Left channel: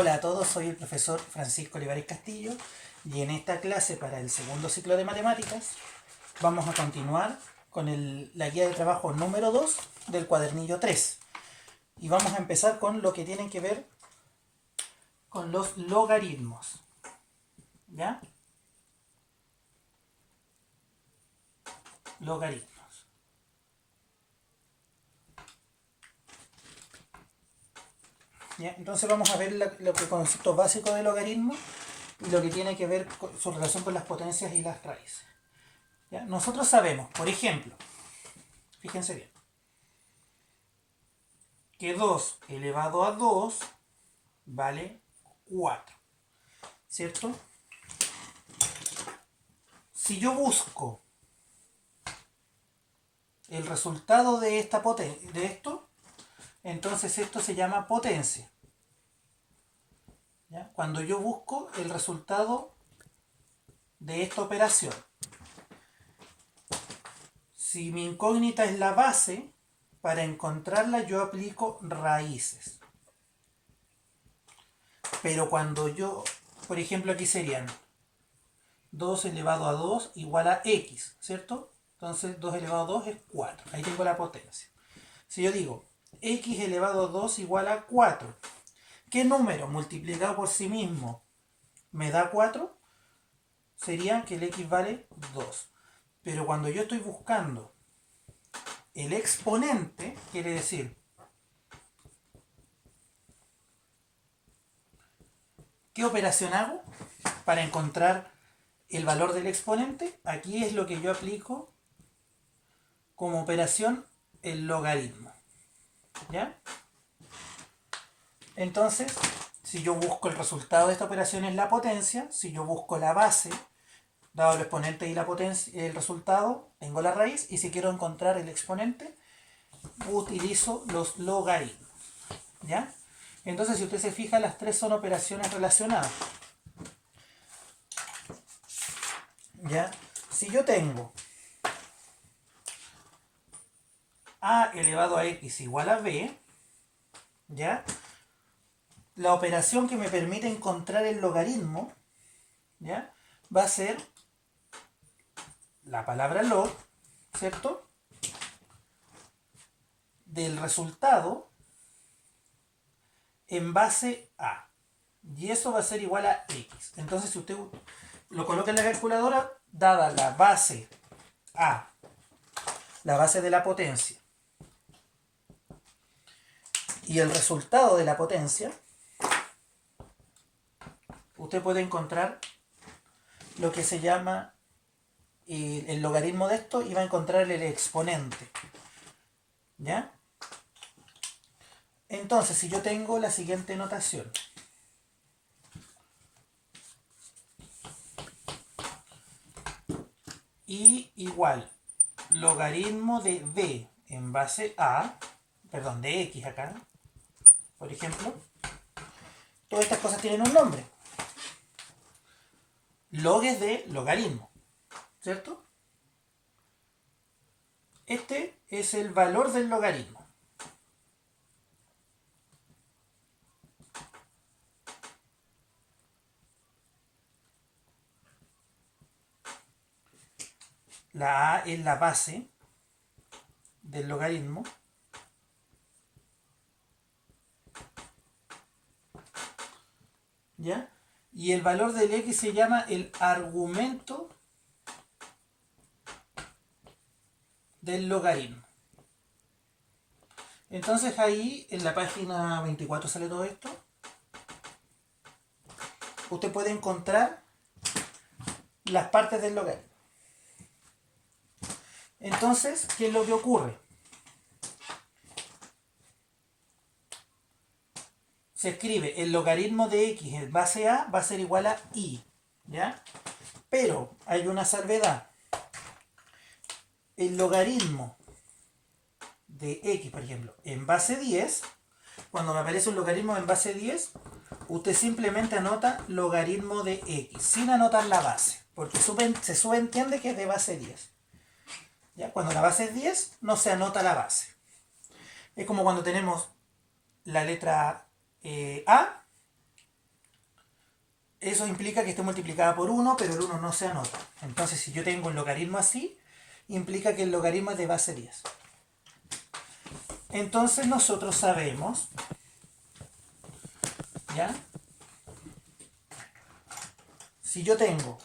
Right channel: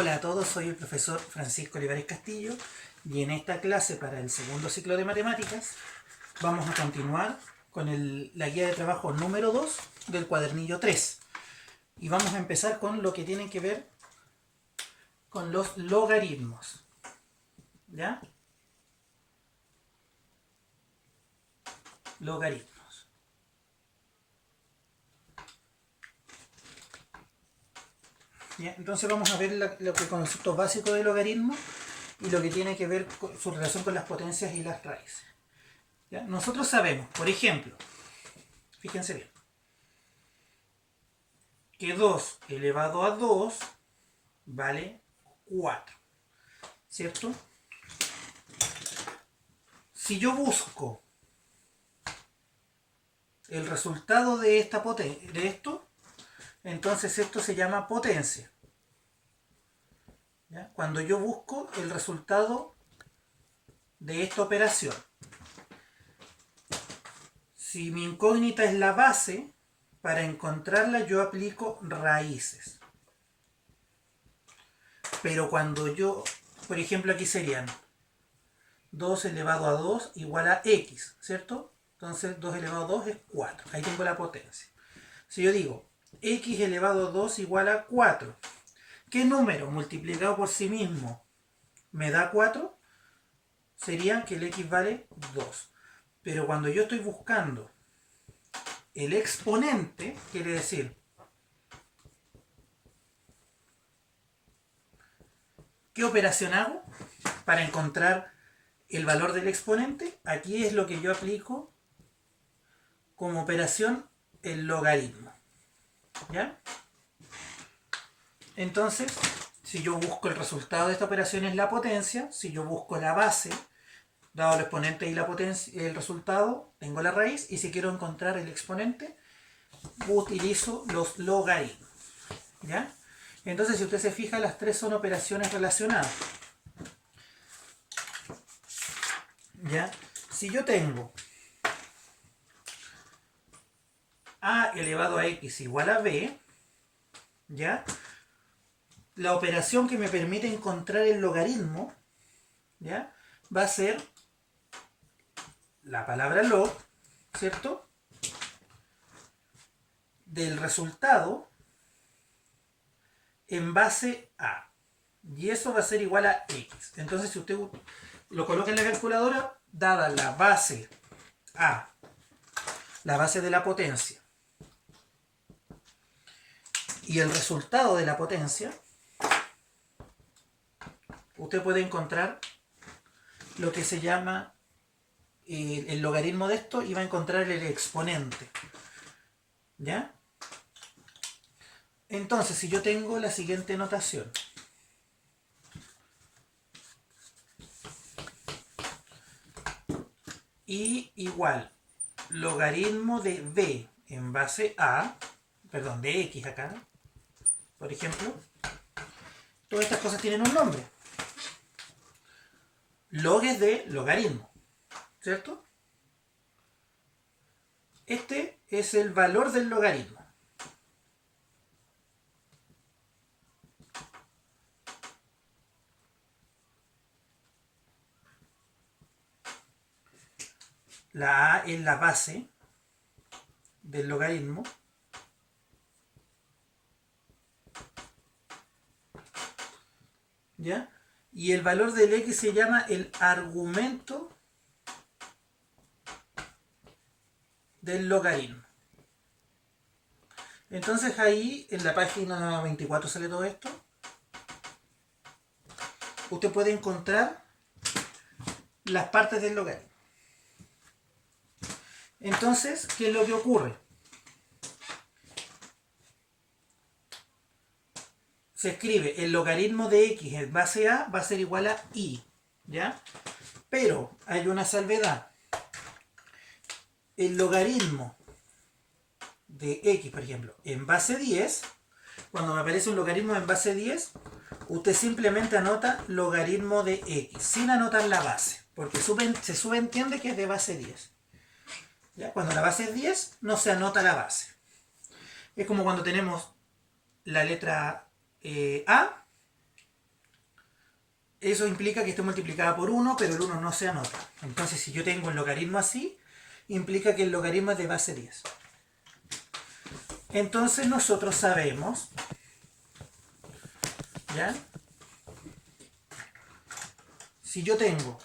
Hola a todos, soy el profesor Francisco Olivares Castillo y en esta clase para el segundo ciclo de matemáticas vamos a continuar con la guía de trabajo número 2 del cuadernillo 3 y vamos a empezar con lo que tiene que ver con los logaritmos. ¿Ya? Logaritmos. ¿Ya? Entonces vamos a ver lo que concepto básico de logaritmo y lo que tiene que ver con su relación con las potencias y las raíces. ¿Ya? Nosotros sabemos, por ejemplo, fíjense bien, que 2 elevado a 2 vale 4, ¿cierto? Si yo busco el resultado de esto, entonces esto se llama potencia. ¿Ya? Cuando yo busco el resultado de esta operación, si mi incógnita es la base, para encontrarla yo aplico raíces. Pero cuando yo, por ejemplo, aquí serían 2 elevado a 2 igual a x, ¿cierto? Entonces 2 elevado a 2 es 4. Ahí tengo la potencia. Si yo digo x elevado a 2 igual a 4, ¿qué número multiplicado por sí mismo me da 4? Sería que el x vale 2. Pero cuando yo estoy buscando el exponente, quiere decir, ¿qué operación hago para encontrar el valor del exponente? Aquí es lo que yo aplico como operación el logaritmo. ¿Ya? Entonces, si yo busco el resultado de esta operación es la potencia, si yo busco la base, dado el exponente y la potencia, el resultado, tengo la raíz, y si quiero encontrar el exponente, utilizo los logaritmos. ¿Ya? Entonces, si usted se fija, las tres son operaciones relacionadas. ¿Ya? Si yo tengo a elevado a x igual a b, ¿ya? La operación que me permite encontrar el logaritmo, ¿ya? Va a ser la palabra log, ¿cierto? Del resultado en base a. Y eso va a ser igual a x. Entonces, si usted lo coloca en la calculadora, dada la base a, la base de la potencia, y el resultado de la potencia, usted puede encontrar lo que se llama el logaritmo de esto y va a encontrar el exponente. ¿Ya? Entonces, si yo tengo la siguiente notación. Y igual logaritmo de b en base a, perdón, de x acá, por ejemplo, todas estas cosas tienen un nombre. Log es de logaritmo, ¿cierto? Este es el valor del logaritmo. La a es la base del logaritmo. ¿Ya? Y el valor del x se llama el argumento del logaritmo. Entonces ahí en la página 24 sale todo esto. Usted puede encontrar las partes del logaritmo. Entonces, ¿qué es lo que ocurre? Se escribe el logaritmo de x en base a va a ser igual a i, ¿ya? Pero hay una salvedad. El logaritmo de x, por ejemplo, en base 10, cuando me aparece un logaritmo en base 10, usted simplemente anota logaritmo de x, sin anotar la base, porque se subentiende que es de base 10. ¿Ya? Cuando la base es 10, no se anota la base. Es como cuando tenemos la letra A eso implica que esté multiplicada por 1, pero el 1 no se anota. Entonces, si yo tengo un logaritmo así, implica que el logaritmo es de base 10. Entonces nosotros sabemos, ¿ya? Si yo tengo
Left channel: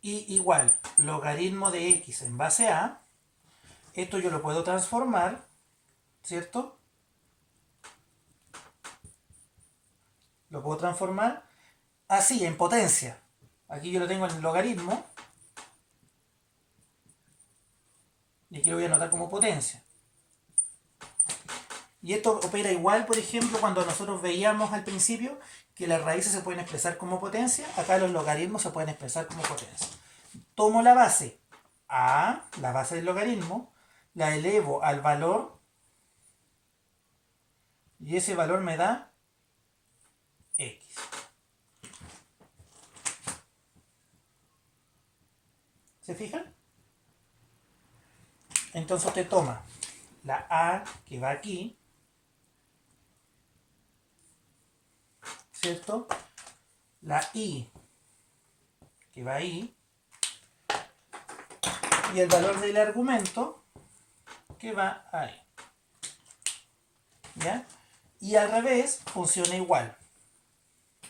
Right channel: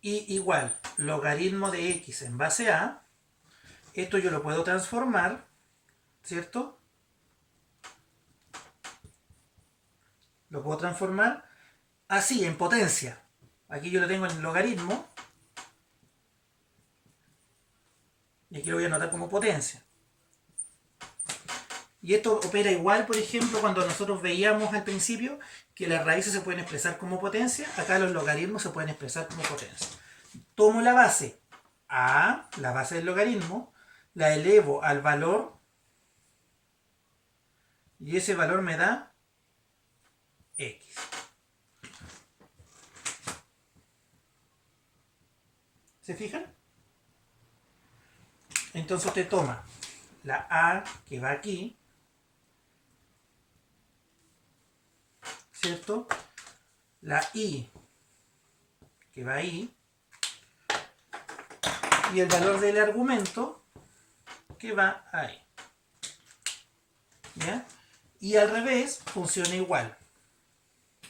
y igual logaritmo de x en base a, esto yo lo puedo transformar, ¿cierto? Lo puedo transformar así, en potencia. Aquí yo lo tengo en logaritmo. Y aquí lo voy a anotar como potencia. Y esto opera igual, por ejemplo, cuando nosotros veíamos al principio que las raíces se pueden expresar como potencia. Acá los logaritmos se pueden expresar como potencia. Tomo la base a, la base del logaritmo, la elevo al valor y ese valor me da x. ¿Se fijan? Entonces usted toma la a que va aquí, ¿cierto? La i que va ahí y el valor del argumento que va ahí. ¿Ya? Y al revés funciona igual.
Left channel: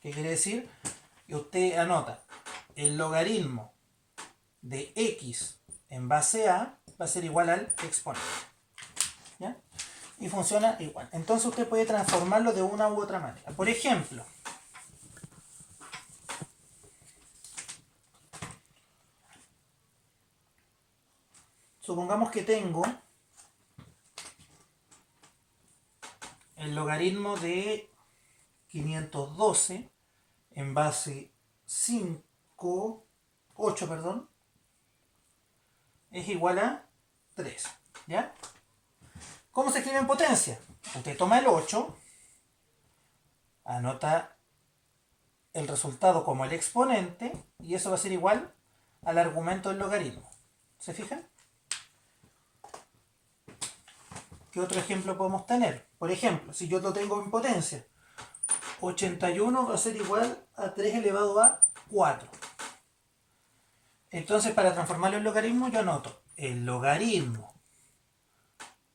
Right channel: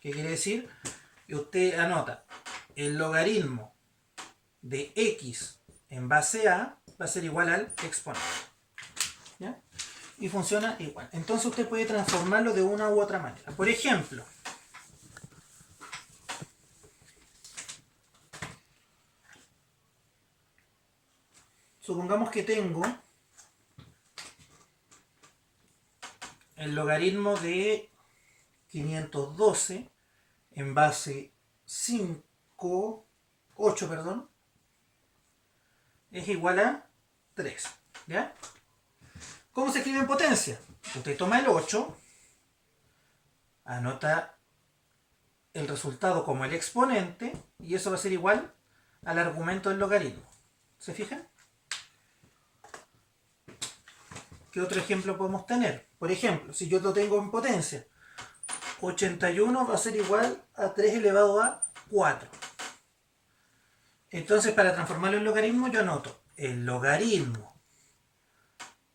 ¿Qué quiere decir? Que usted anota el logaritmo de x en base a va a ser igual al exponente. ¿Ya? Y funciona igual. Entonces usted puede transformarlo de una u otra manera. Por ejemplo, supongamos que tengo el logaritmo de 512 en base 8, perdón, es igual a 3. ¿Ya? ¿Cómo se escribe en potencia? Usted toma el 8, anota el resultado como el exponente y eso va a ser igual al argumento del logaritmo. ¿Se fijan? ¿Qué otro ejemplo podemos tener? Por ejemplo, si yo lo tengo en potencia, 81 va a ser igual a 3 elevado a 4. Entonces, para transformarlo en logaritmo, yo anoto el logaritmo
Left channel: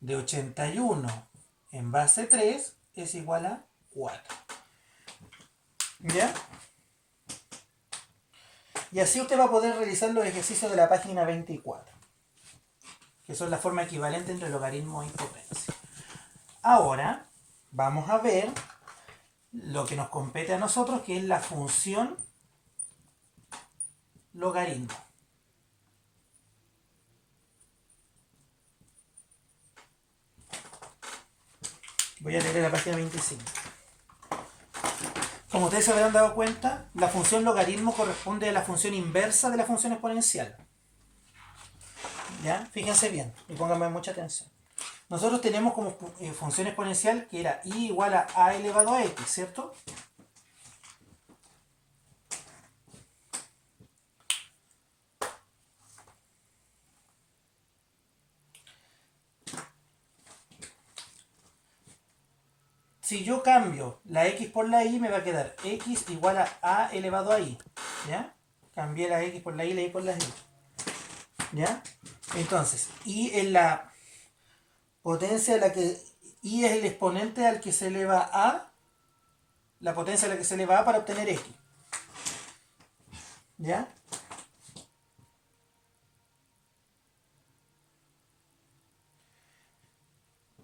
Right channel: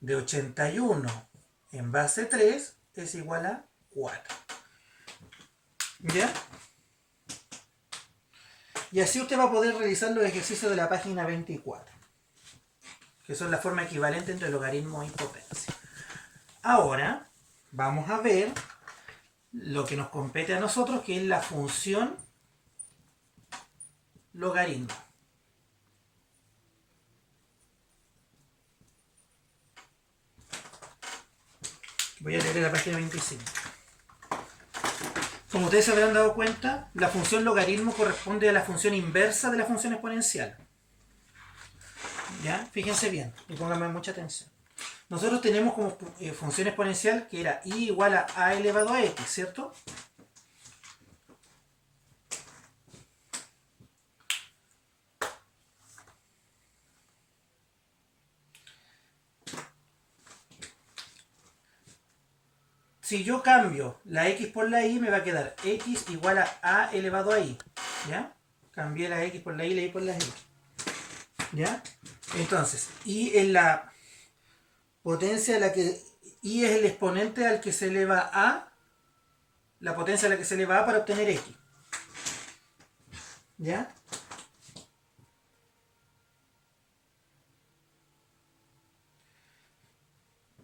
de 81 en base 3 es igual a 4. ¿Ya? Y así usted va a poder realizar los ejercicios de la página 24, que son la forma equivalente entre logaritmo y potencia. Ahora vamos a ver lo que nos compete a nosotros, que es la función logaritmo. Voy a leer la página 25. Como ustedes se habrán dado cuenta, la función logaritmo corresponde a la función inversa de la función exponencial. ¿Ya? Fíjense bien y pónganme mucha atención. Nosotros tenemos como función exponencial que era y igual a elevado a x, ¿cierto? Si yo cambio la x por la y, me va a quedar x igual a elevado a y. ¿Ya? Cambié la x por la y por la y. ¿Ya? Entonces, y es la potencia a la que y es el exponente al que se eleva a, la potencia a la que se eleva a para obtener x. ¿Ya?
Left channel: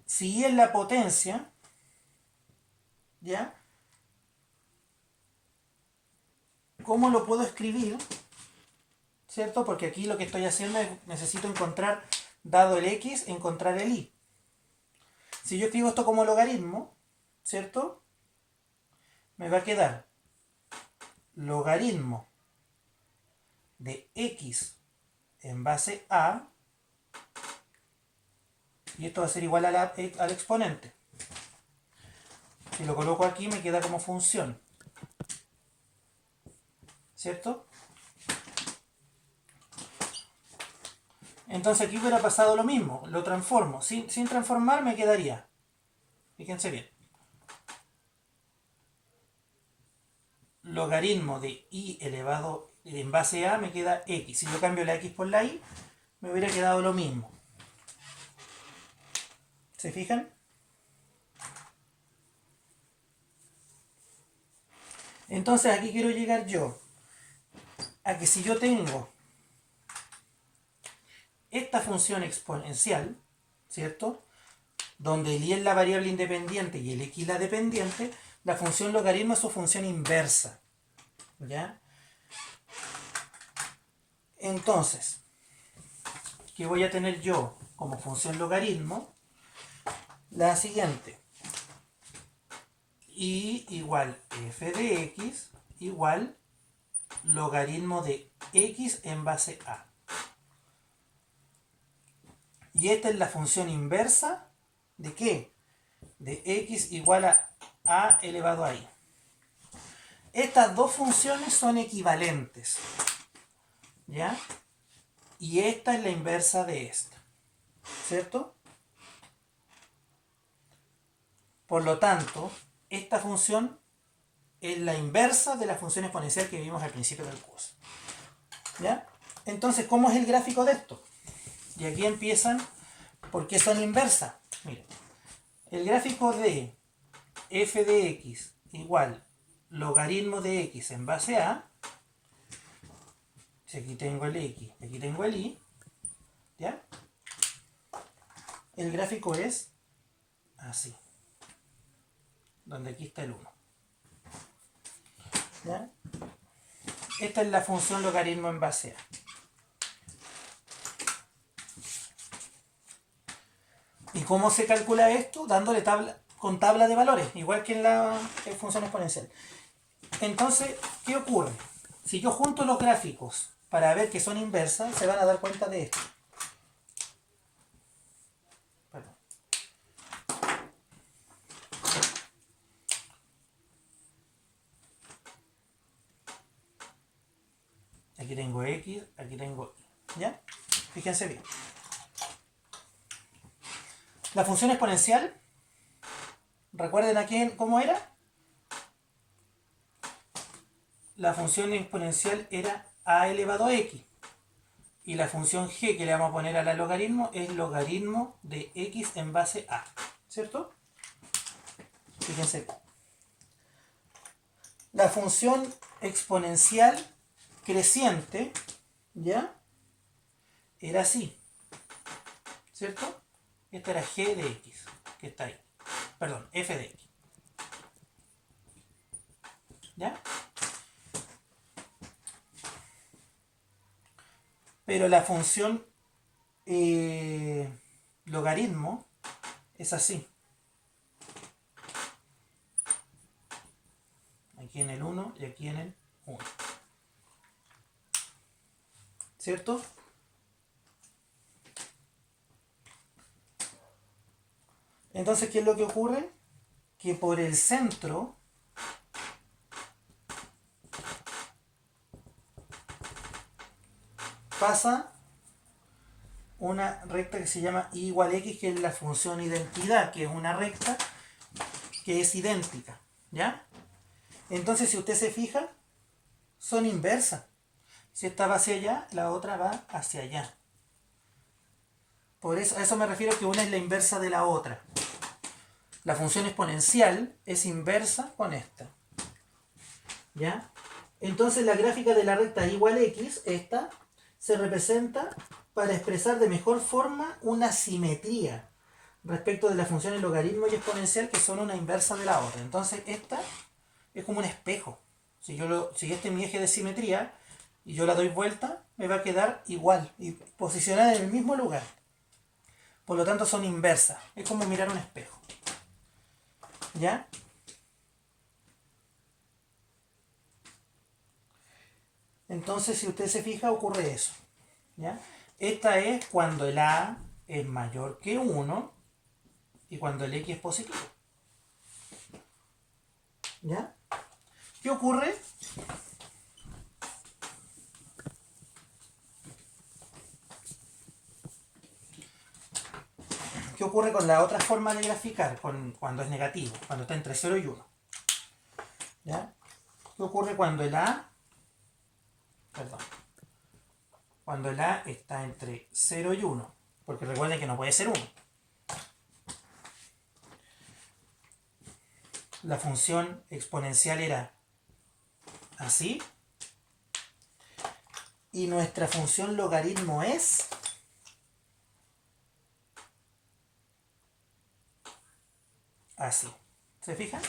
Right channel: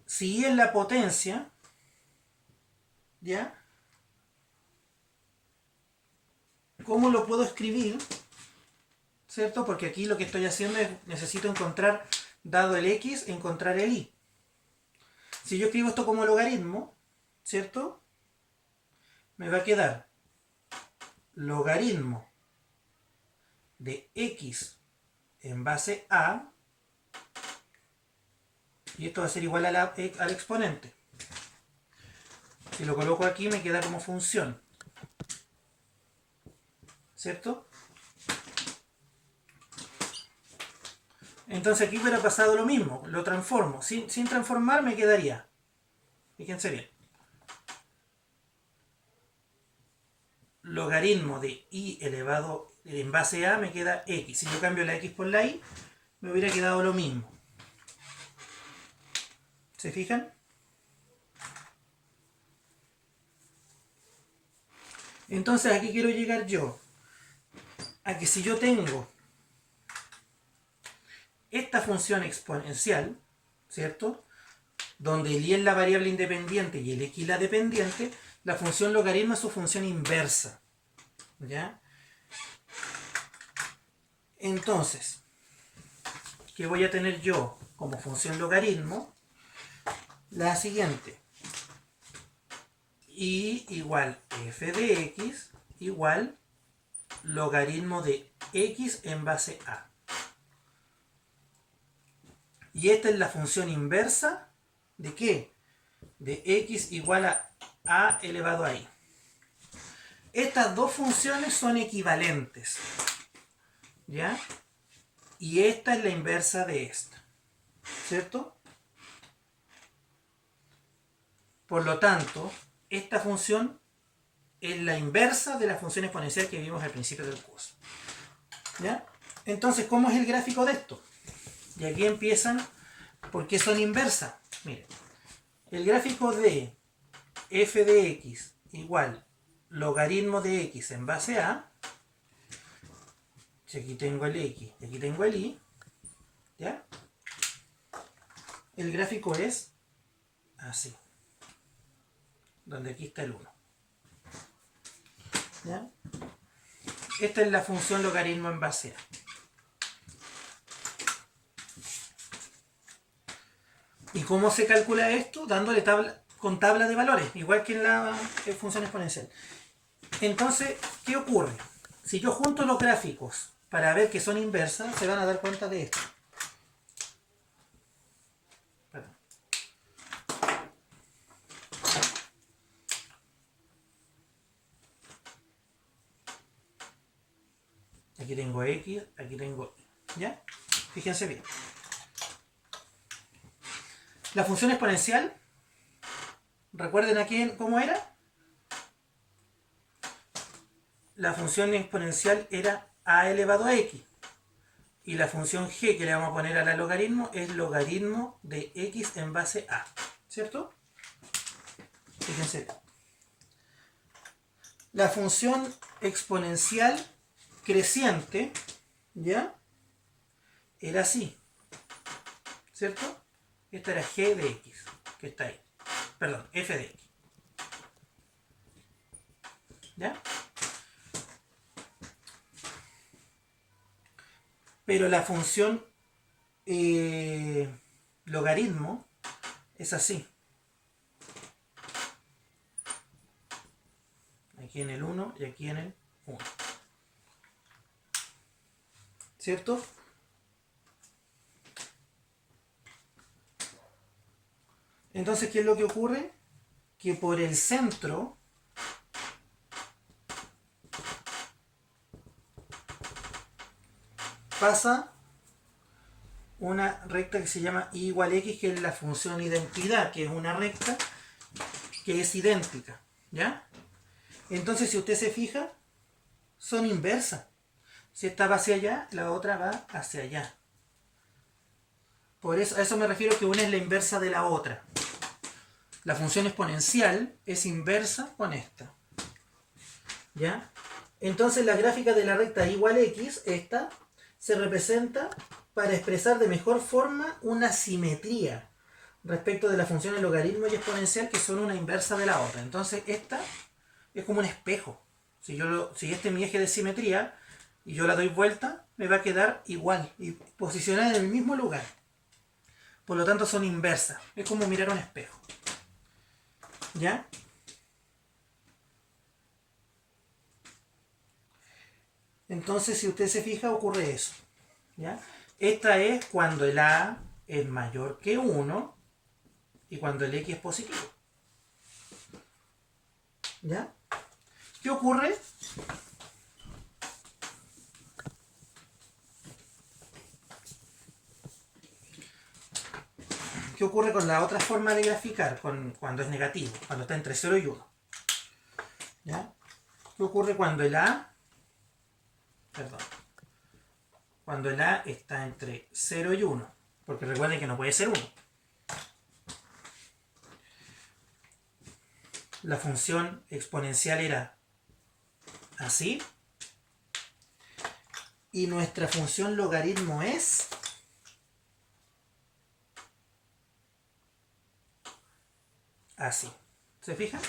Si y es la potencia, ¿ya? ¿Cómo lo puedo escribir? ¿Cierto? Porque aquí lo que estoy haciendo es, necesito encontrar, dado el x, encontrar el y. Si yo escribo esto como logaritmo, ¿cierto? Me va a quedar logaritmo de x en base a, y esto va a ser igual al exponente. Si lo coloco aquí me queda como función, ¿cierto? Entonces aquí hubiera pasado lo mismo, lo transformo. Sin transformar me quedaría, fíjense bien, logaritmo de y elevado en base a me queda x. Si yo cambio la x por la y, me hubiera quedado lo mismo. ¿Se fijan? Entonces aquí quiero llegar yo a que si yo tengo esta función exponencial, ¿cierto? Donde el y es la variable independiente y el x la dependiente, la función logaritmo es su función inversa. ¿Ya? Entonces, ¿qué voy a tener yo como función logaritmo? La siguiente. Y igual f de x igual logaritmo de x en base a. Y esta es la función inversa ¿de qué? De x igual a elevado a y. Estas dos funciones son equivalentes. ¿Ya? Y esta es la inversa de esta. ¿Cierto? Por lo tanto, esta función es la inversa de la función exponencial que vimos al principio del curso. ¿Ya? Entonces, ¿cómo es el gráfico de esto? Y aquí empiezan, ¿por qué son inversas? Miren, el gráfico de f de x igual logaritmo de x en base a, si aquí tengo el x y aquí tengo el y, ¿ya? El gráfico es así, donde aquí está el 1. ¿Ya? Esta es la función logaritmo en base a. ¿Y cómo se calcula esto? Dándole tabla de valores, igual que en la función exponencial. Entonces, ¿qué ocurre? Si yo junto los gráficos para ver que son inversas, se van a dar cuenta de esto. Perdón. Aquí tengo x, aquí tengo y. ¿Ya? Fíjense bien. La función exponencial, recuerden aquí cómo era. La función exponencial era a elevado a x. Y la función g que le vamos a poner a la logaritmo es logaritmo de x en base a. ¿Cierto? Fíjense bien. La función exponencial creciente, ¿ya? Era así. ¿Cierto? Esta era g de x, que está ahí. Perdón, f de x. ¿Ya? Pero la función logaritmo es así. Aquí en el 1 y aquí en el 1. ¿Cierto? Entonces, ¿qué es lo que ocurre? Que por el centro pasa una recta que se llama y igual a x, que es la función identidad, que es una recta que es idéntica. ¿Ya? Entonces, si usted se fija, son inversas. Si esta va hacia allá, la otra va hacia allá. Por eso, a eso me refiero, que una es la inversa de la otra. La función exponencial es inversa con esta. ¿Ya? Entonces la gráfica de la recta igual x, esta, se representa para expresar de mejor forma una simetría respecto de las funciones logaritmo y exponencial, que son una inversa de la otra. Entonces esta es como un espejo. Si este es mi eje de simetría y yo la doy vuelta, me va a quedar igual y posicionada en el mismo lugar. Por lo tanto son inversas. Es como mirar un espejo. ¿Ya? Entonces, si usted se fija, ocurre eso. ¿Ya? Esta es cuando el a es mayor que 1 y cuando el x es positivo. ¿Ya? ¿Qué ocurre? ¿Qué ocurre con la otra forma de graficar? Cuando es negativo, cuando está entre 0 y 1. ¿Ya? ¿Qué ¿Qué ocurre cuando el A, perdón, cuando el A está entre 0 y 1? Porque recuerden que no puede ser 1. La función exponencial era así. Y nuestra función logaritmo es así. ¿Se fijan?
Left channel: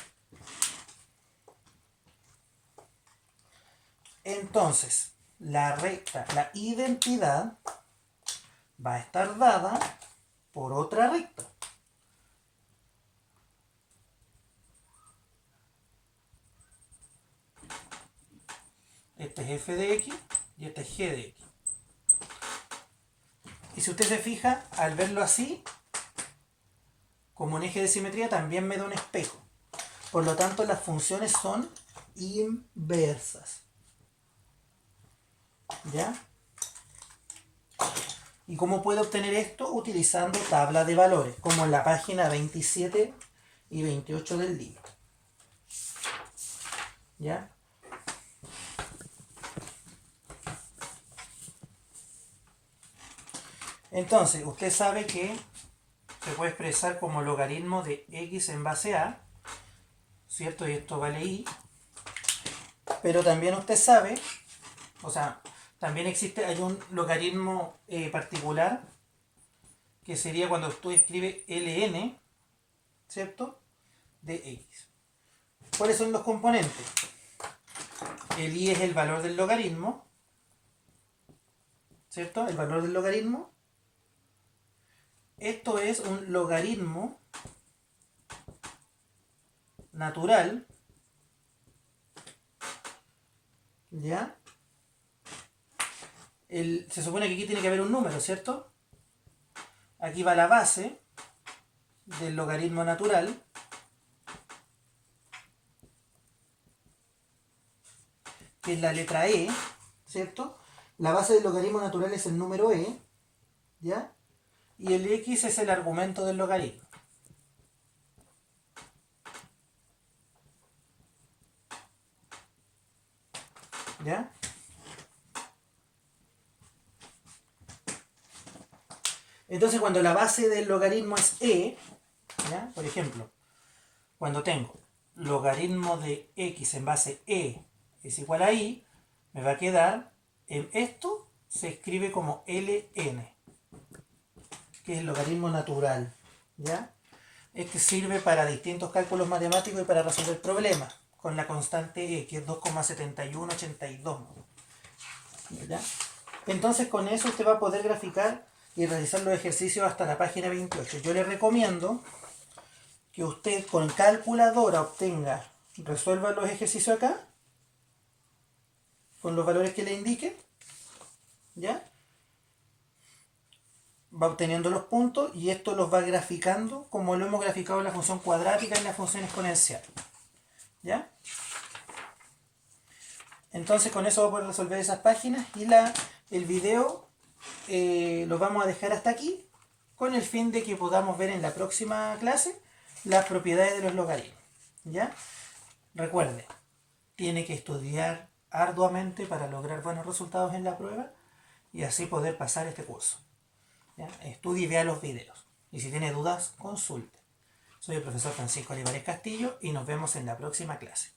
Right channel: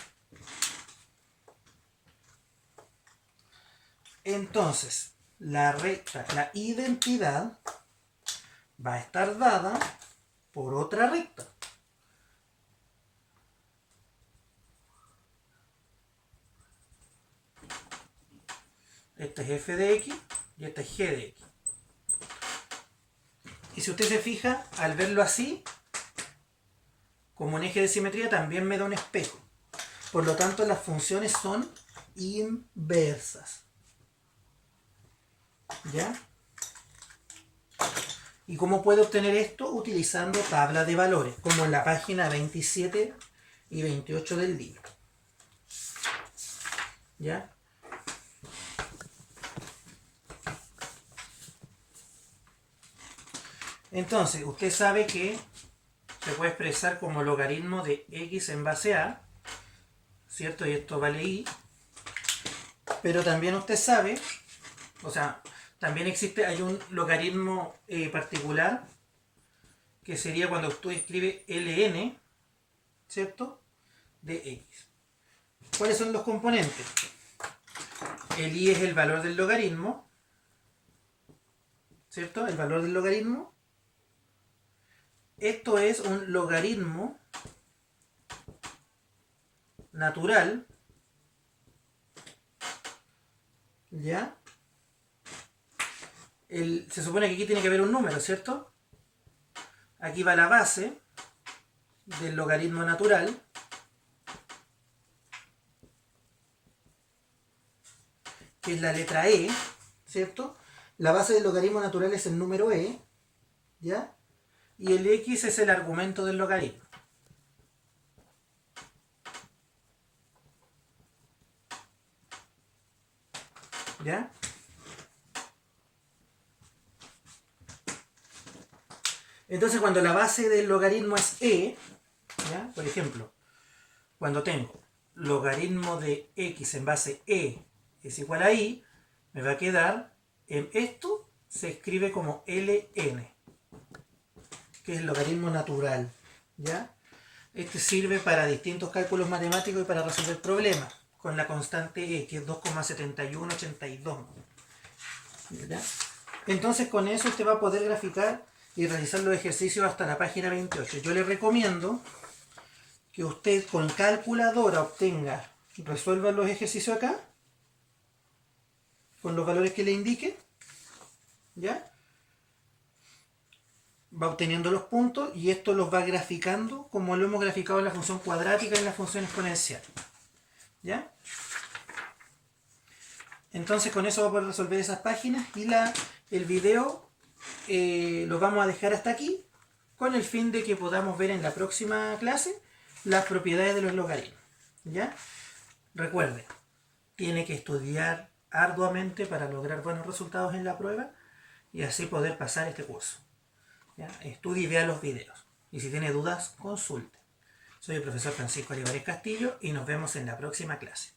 Entonces, la recta, la identidad, va a estar dada por otra recta. Esta es f de x y esta es g de x. Y si usted se fija, al verlo así, como un eje de simetría, también me da un espejo. Por lo tanto, las funciones son inversas. ¿Ya? ¿Y cómo puede obtener esto? Utilizando tabla de valores, como en la página 27 y 28 del libro. ¿Ya? Entonces, usted sabe que se puede expresar como logaritmo de x en base a, ¿cierto? Y esto vale y. Pero también usted sabe, o sea, también hay un logaritmo particular, que sería cuando usted escribe ln, ¿cierto? De x. ¿Cuáles son los componentes? El i es el valor del logaritmo, ¿cierto? El valor del logaritmo. Esto es un logaritmo natural, ¿ya? Se supone que aquí tiene que haber un número, ¿cierto? Aquí va la base del logaritmo natural, que es la letra e, ¿cierto? La base del logaritmo natural es el número e, ¿ya? Y el x es el argumento del logaritmo. ¿Ya? Entonces, cuando la base del logaritmo es e, ¿ya? Por ejemplo, cuando tengo logaritmo de x en base e es igual a i, me va a quedar, en esto se escribe como ln, que es el logaritmo natural, ¿ya? Este sirve para distintos cálculos matemáticos y para resolver problemas con la constante e, que es 2,7182. ¿Ya? Entonces con eso usted va a poder graficar y realizar los ejercicios hasta la página 28. Yo le recomiendo que usted con calculadora resuelva los ejercicios acá, con los valores que le indique, ¿ya? Va obteniendo los puntos y esto los va graficando como lo hemos graficado en la función cuadrática y en la función exponencial. ¿Ya? Entonces con eso va a poder resolver esas páginas y el video lo vamos a dejar hasta aquí con el fin de que podamos ver en la próxima clase las propiedades de los logaritmos. ¿Ya? Recuerde, tiene que estudiar arduamente para lograr buenos resultados en la prueba y así poder pasar este curso. ¿Ya? Estudie y vea los videos. Y si tiene dudas, consulte. Soy el profesor Francisco Olivares Castillo y nos vemos en la próxima clase.